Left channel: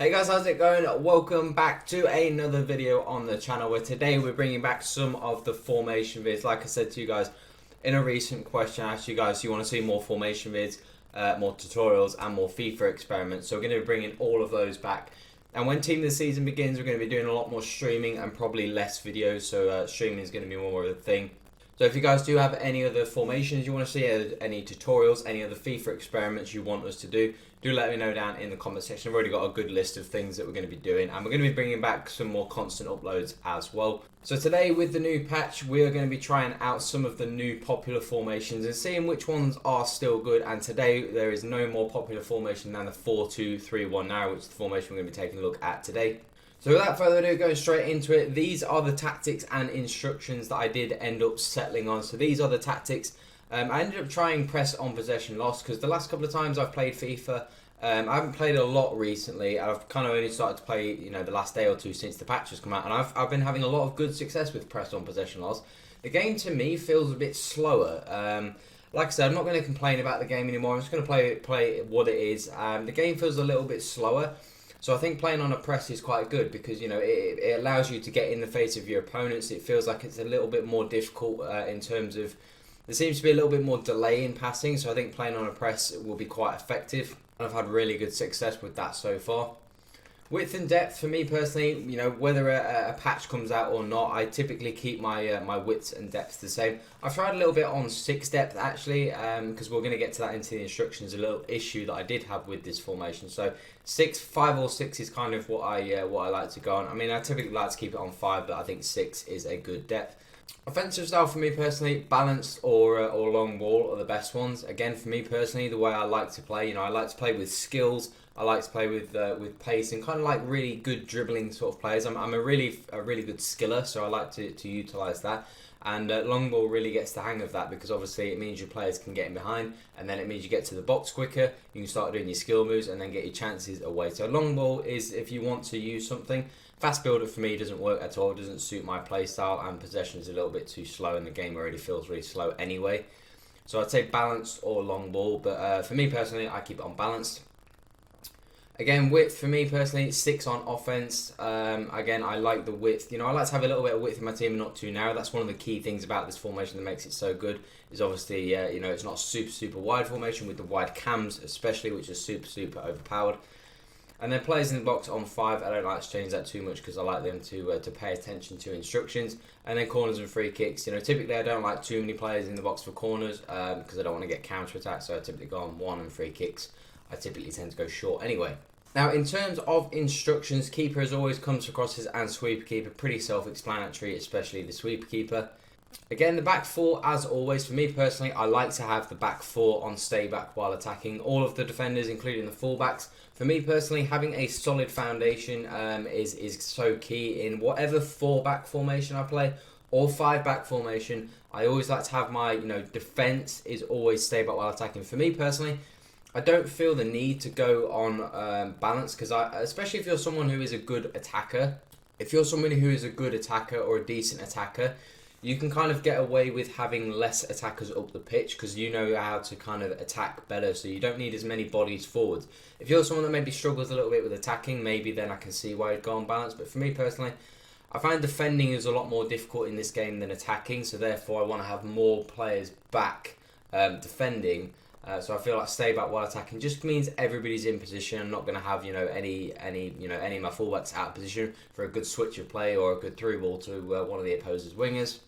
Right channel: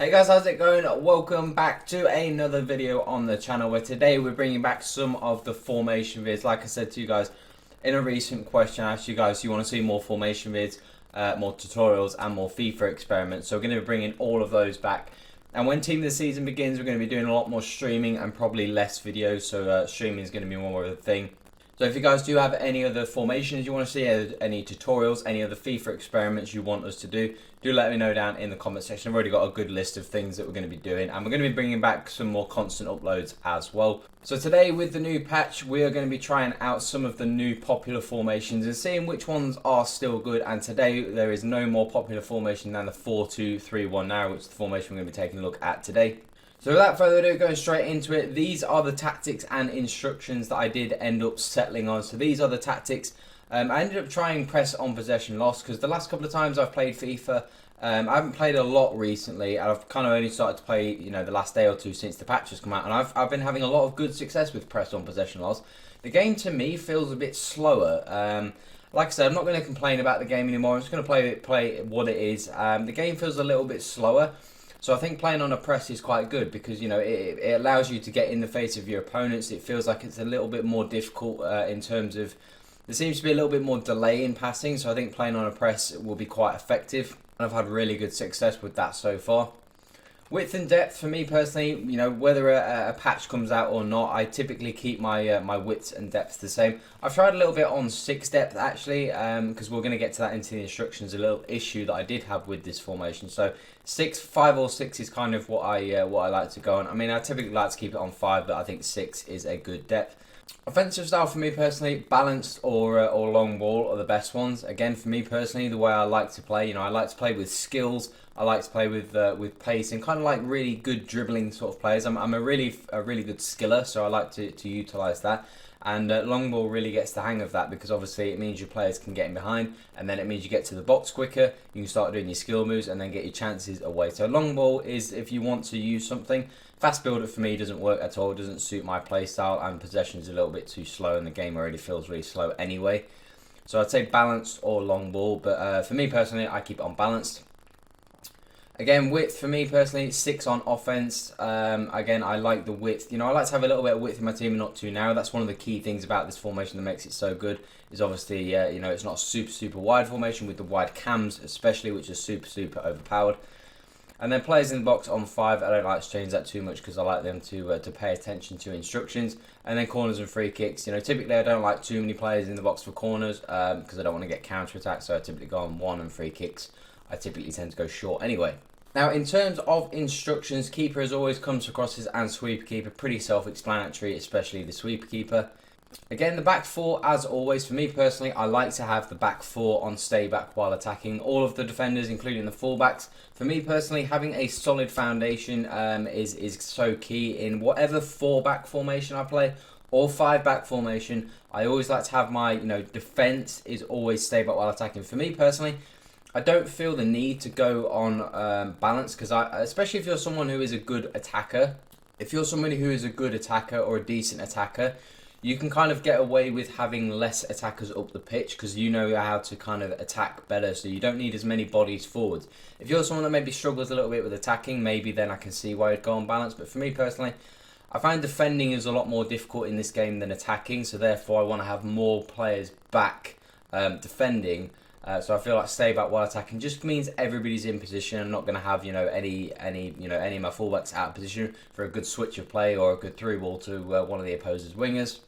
Hey guys, how's it going? Welcome back to another video on the channel where today we're bringing back some of the formation vids. Like I said to you guys in a recent question, I asked you guys, do you want to see more formation vids, more tutorials and more FIFA experiments? So we're going to be bringing all of those back. And when Team of the Season begins, we're going to be doing a lot more streaming and probably less videos. So streaming is going to be more of a thing. So if you guys do have any other formations you want to see, any tutorials, any other FIFA experiments you want us to do let me know down in the comment section. I've already got a good list of things that we're going to be doing, and we're going to be bringing back some more constant uploads as well. So today with the new patch, we are going to be trying out some of the new popular formations and seeing which ones are still good. And today there is no more popular formation than the 4-2-3-1 now, which is the formation we're going to be taking a look at today. So without further ado, going straight into it, these are the tactics and instructions that I did end up settling on. So these are the tactics. I ended up trying press on possession loss because the last couple of times I've played FIFA, I haven't played a lot recently. I've kind of only started to play, the last day or two since the patch has come out, and I've been having a lot of good success with press on possession loss. The game to me feels a bit slower. Like I said, I'm not going to complain about the game anymore. I'm just going to play what it is. The game feels a little bit slower. So I think playing on a press is quite good because, it allows you to get in the face of your opponents. It feels like it's a little bit more difficult in terms of, there seems to be a little bit more delay in passing. So I think playing on a press will be quite effective. And I've had really good success with that so far. Width and depth, for me personally, whether a patch comes out or not, I typically keep my my width and depth the same. I've tried a little bit on 6 depth actually, because we're going to get to that into the instructions, a little issue that I did have with this formation. So 5 or 6 is kind of what I like to go on. I mean, I typically like to keep it on 5, but I think 6 is a good depth. Offensive style for me personally, balanced or long ball are the best ones. Again, for me personally, the way I like to play, I like to play with skills. I like to play with pace and kind of like really good dribbling sort of players. I'm a really good skiller, so I like to utilize that. And long ball really gets the hang of that because obviously it means your players can get in behind, and then it means you get to the box quicker. You can start doing your skill moves and then get your chances away. So long ball is if you want to use something. Fast builder for me doesn't work at all. It doesn't suit my play style, and possession is a little bit too slow, and the game already feels really slow anyway. So I'd say balanced or long ball, but for me personally, I keep it on balanced. Again, width for me personally, 6 on offense. Again, I like the width. I like to have a little bit of width in my team and not too narrow. That's one of the key things about this formation that makes it so good. Is obviously, it's not super wide formation with the wide cams, especially, which is super overpowered. And then players in the box on 5, I don't like to change that too much because I like them to pay attention to instructions. And then corners and free kicks. Typically I don't like too many players in the box for corners because I don't want to get counter attacks. So I typically go on 1, and free kicks I typically tend to go short anyway. Now in terms of instructions, keeper as always comes across as sweeper keeper, pretty self-explanatory, especially the sweeper keeper. Again, the back 4, as always, for me personally, I like to have the back 4 on stay back while attacking. All of the defenders, including the fullbacks. For me personally, having a solid foundation is so key in whatever 4-back formation I play or 5-back formation. I always like to have my defense is always stay back while attacking. For me personally, I don't feel the need to go on balance because especially if you're someone who is a good attacker. If you're somebody who is a good attacker or a decent attacker, you can kind of get away with having less attackers up the pitch because you know how to kind of attack better, so you don't need as many bodies forwards. If you're someone that maybe struggles a little bit with attacking, maybe then I can see why you'd go on balance. But for me personally, I find defending is a lot more difficult in this game than attacking, so therefore I want to have more players back defending. So I feel like stay back while attacking just means everybody's in position. I'm not going to have any of my fullbacks out of position for a good switch of play or a good through ball to one of the opposers' wingers.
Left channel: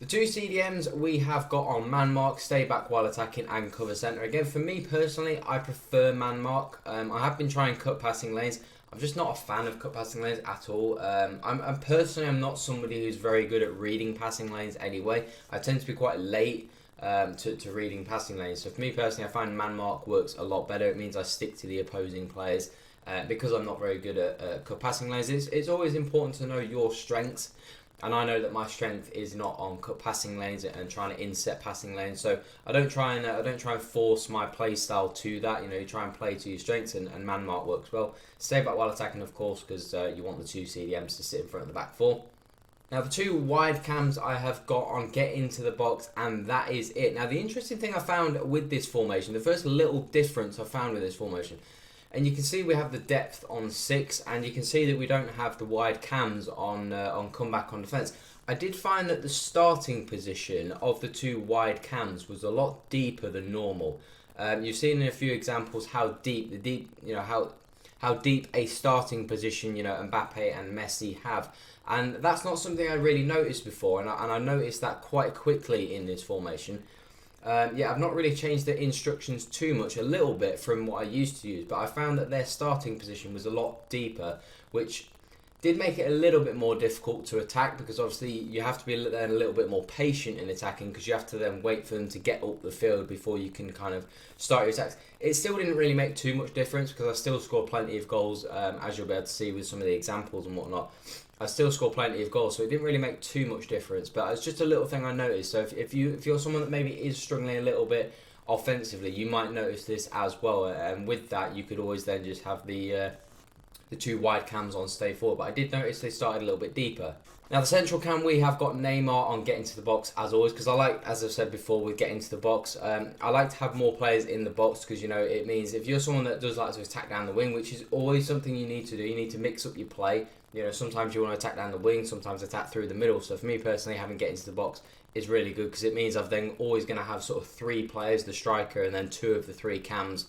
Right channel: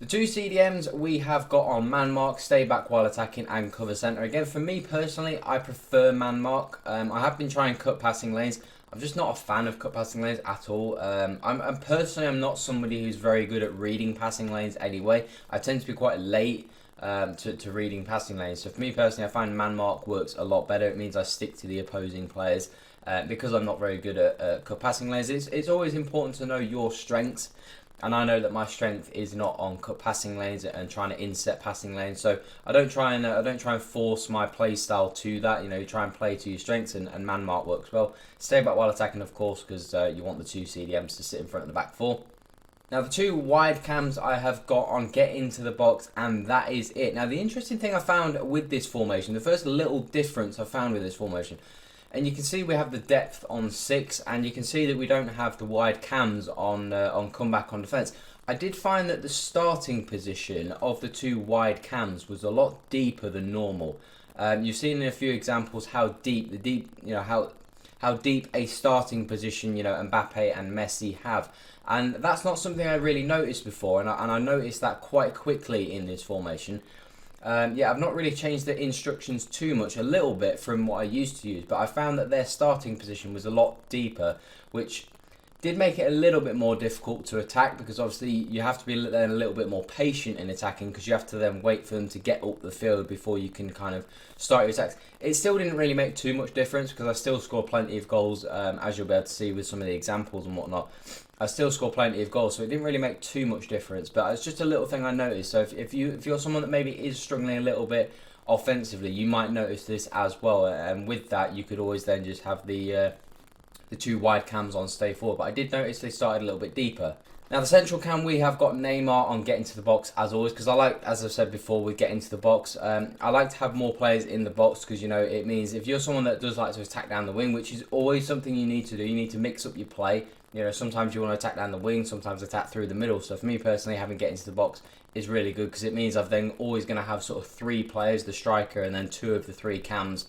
The 2 CDMs we have got on man mark, stay back while attacking, and cover centre. Again, for me personally, I prefer man mark. I have been trying cut passing lanes. I'm just not a fan of cut passing lanes at all. I'm not somebody who's very good at reading passing lanes anyway. I tend to be quite late to reading passing lanes. So for me personally, I find man mark works a lot better. It means I stick to the opposing players because I'm not very good at cut passing lanes. It's always important to know your strengths. And I know that my strength is not on cut passing lanes and trying to inset passing lanes. So I don't try and force my play style to that. You try and play to your strengths, and man mark works well. Stay back while attacking, of course, because you want the 2 CDMs to sit in front of the back 4. Now the 2 wide cams I have got on get into the box, and that is it. Now the interesting thing I found with this formation, the first little difference I found with this formation, And you can see we have the depth on 6, and you can see that we don't have the wide cams on comeback on defence. I did find that the starting position of the 2 wide cams was a lot deeper than normal. You've seen in a few examples how deep how deep a starting position Mbappe and Messi have, and that's not something I really noticed before, and I noticed that quite quickly in this formation. I've not really changed the instructions too much, a little bit from what I used to use, but I found that their starting position was a lot deeper, which did make it a little bit more difficult to attack, because obviously you have to be then a little bit more patient in attacking, because you have to then wait for them to get up the field before you can kind of start your attacks. It still didn't really make too much difference, because I still scored plenty of goals, as you'll be able to see with some of the examples and whatnot. I still scored plenty of goals, so it didn't really make too much difference, but it's just a little thing I noticed. So if you're someone that maybe is struggling a little bit offensively, you might notice this as well, and with that you could always then just have the 2 wide cams on stay forward, but I did notice they started a little bit deeper. Now the central cam, we have got Neymar on getting to the box as always, because I like, as I've said before, with getting to the box, I like to have more players in the box, because it means if you're someone that does like to attack down the wing, which is always something you need to do, you need to mix up your play. Sometimes you want to attack down the wing, sometimes attack through the middle. So for me personally, having getting to the box is really good, because it means I'm then always going to have sort of 3 players, the striker and then 2 of the 3 cams,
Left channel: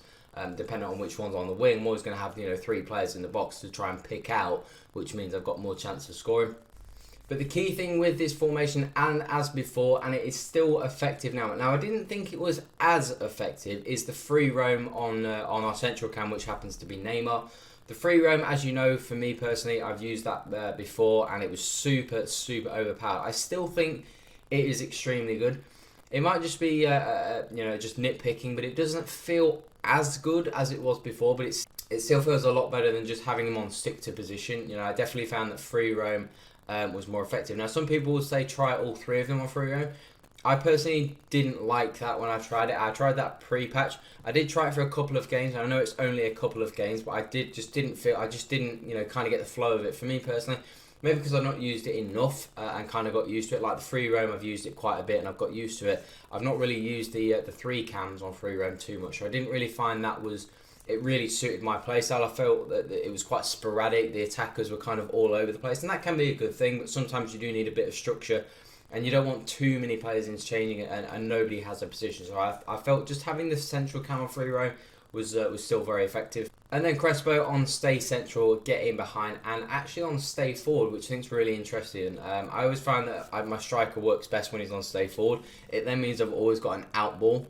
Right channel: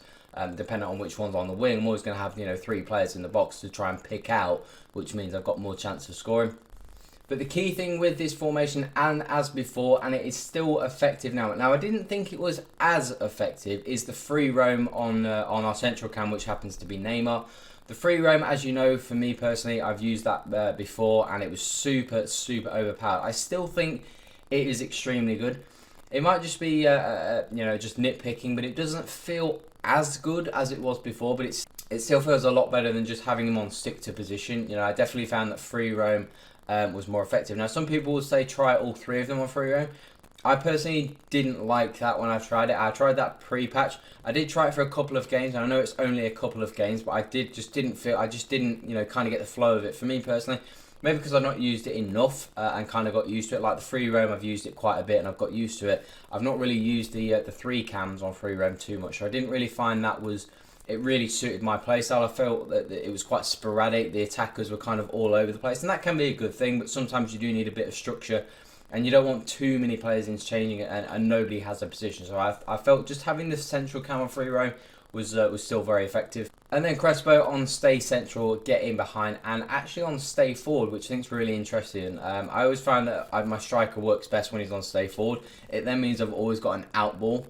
depending on which one's on the wing. I'm always going to have 3 players in the box to try and pick out, which means I've got more chance of scoring. But the key thing with this formation, and as before, and it is still effective now. Now I didn't think it was as effective, is the free roam on our central cam, which happens to be Neymar. The free roam, as you know, for me personally, I've used that before, and it was super overpowered. I still think it is extremely good. It might just be just nitpicking, but it doesn't feel as good as it was before. But it still feels a lot better than just having them on stick to position. I definitely found that free roam was more effective. Now some people would say try all 3 of them on free roam. I personally didn't like that when I tried it. I tried that pre-patch. I did try it for a couple of games. I know it's only a couple of games, but I just didn't kind of get the flow of it. For me personally, maybe because I've not used it enough and kind of got used to it. Like the free roam, I've used it quite a bit and I've got used to it. I've not really used the 3 cams on free roam too much. So I didn't really find it really suited my playstyle. I felt that it was quite sporadic. The attackers were kind of all over the place, and that can be a good thing, but sometimes you do need a bit of structure. And you don't want too many players interchanging it, and nobody has a position. So I felt just having this central cam on free roam was still very effective. And then Crespo on stay central, get in behind, and actually on stay forward, which I think is really interesting. I always found that my striker works best when he's on stay forward. It then means I've always got an out ball.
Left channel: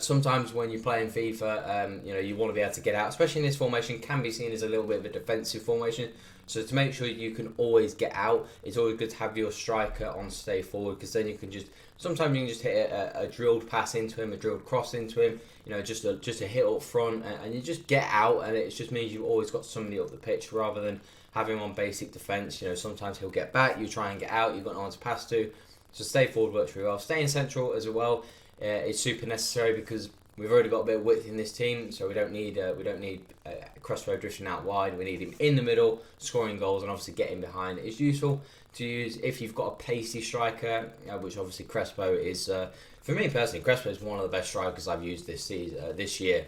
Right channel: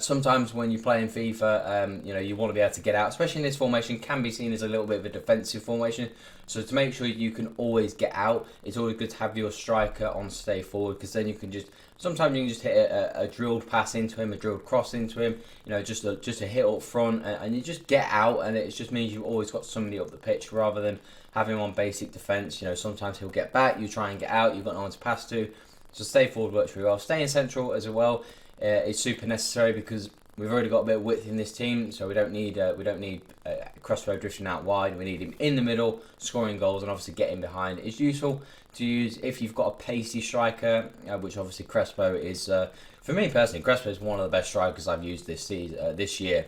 Sometimes when you play in FIFA, you want to be able to get out, especially in this formation, can be seen as a little bit of a defensive formation. So to make sure you can always get out, it's always good to have your striker on stay forward, because then you can sometimes you can just hit a drilled pass into him, a drilled cross into him, just a hit up front, and you just get out, and it just means you've always got somebody up the pitch rather than having him on basic defence. Sometimes he'll get back, you try and get out, you've got no one to pass to. So stay forward works really well. Staying central as well is super necessary, because we've already got a bit of width in this team, so we don't need Crespo drifting out wide. We need him in the middle, scoring goals, and obviously getting behind. It's useful to use if you've got a pacey striker, which obviously Crespo is. For me personally, Crespo is one of the best strikers I've used this year.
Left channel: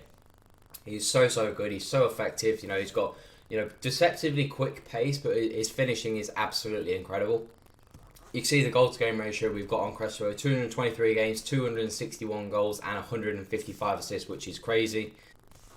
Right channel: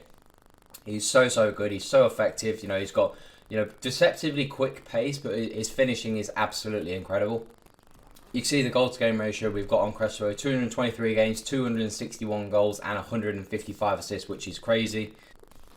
He's so good. He's so effective. He's got deceptively quick pace, but his finishing is absolutely incredible. You can see the goal to game ratio we've got on Crespo: 223 games, 261 goals, and 155 assists, which is crazy.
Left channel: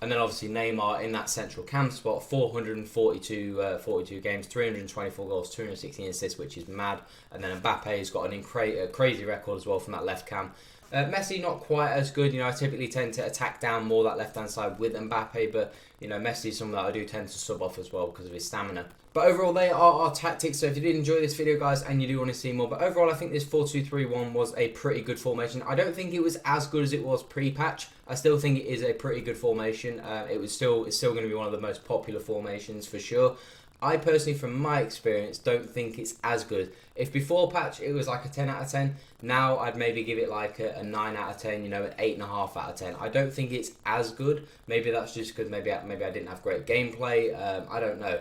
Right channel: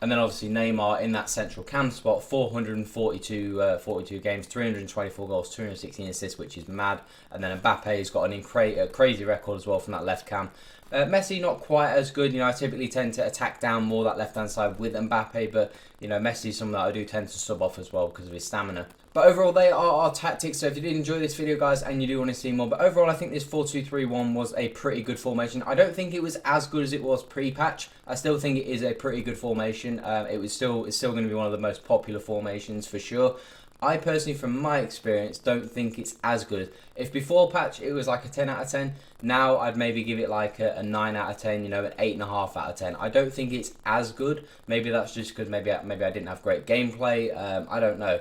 And then obviously Neymar in that central cam spot, 442 games, 324 goals, 216 assists, which is mad. And then Mbappe's got a crazy record as well from that left cam. Messi not quite as good. I typically tend to attack down more that left hand side with Mbappe, but Messi's someone that I do tend to sub off as well because of his stamina. But overall, they are our tactics. So if you did enjoy this video, guys, and you do want to see more, but overall, I think this 4-2-3-1 was a pretty good formation. I don't think it was as good as it was pre-patch. I still think it is a pretty good formation. It's still going to be one of the most popular formations for sure. I personally, from my experience, don't think it's as good. If before patch it was like a 10 out of 10, now I'd maybe give it like a 9 out of 10, an 8.5 out of 10. I don't think it's as good. Maybe that's just because maybe I didn't have great gameplay. I don't know.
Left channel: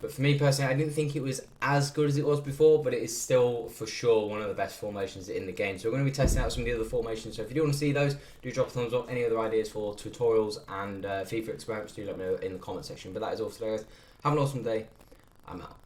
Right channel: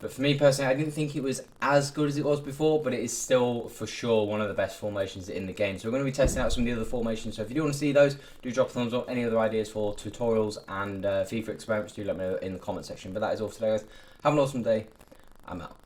But for me personally, I didn't think it was as good as it was before, but it is still for sure one of the best formations in the game. So we're going to be testing out some of the other formations. So if you do want to see those, do drop a thumbs up. Any other ideas for tutorials and FIFA experiments, do let me know in the comment section. But that is all for today, guys. Have an awesome day. I'm out.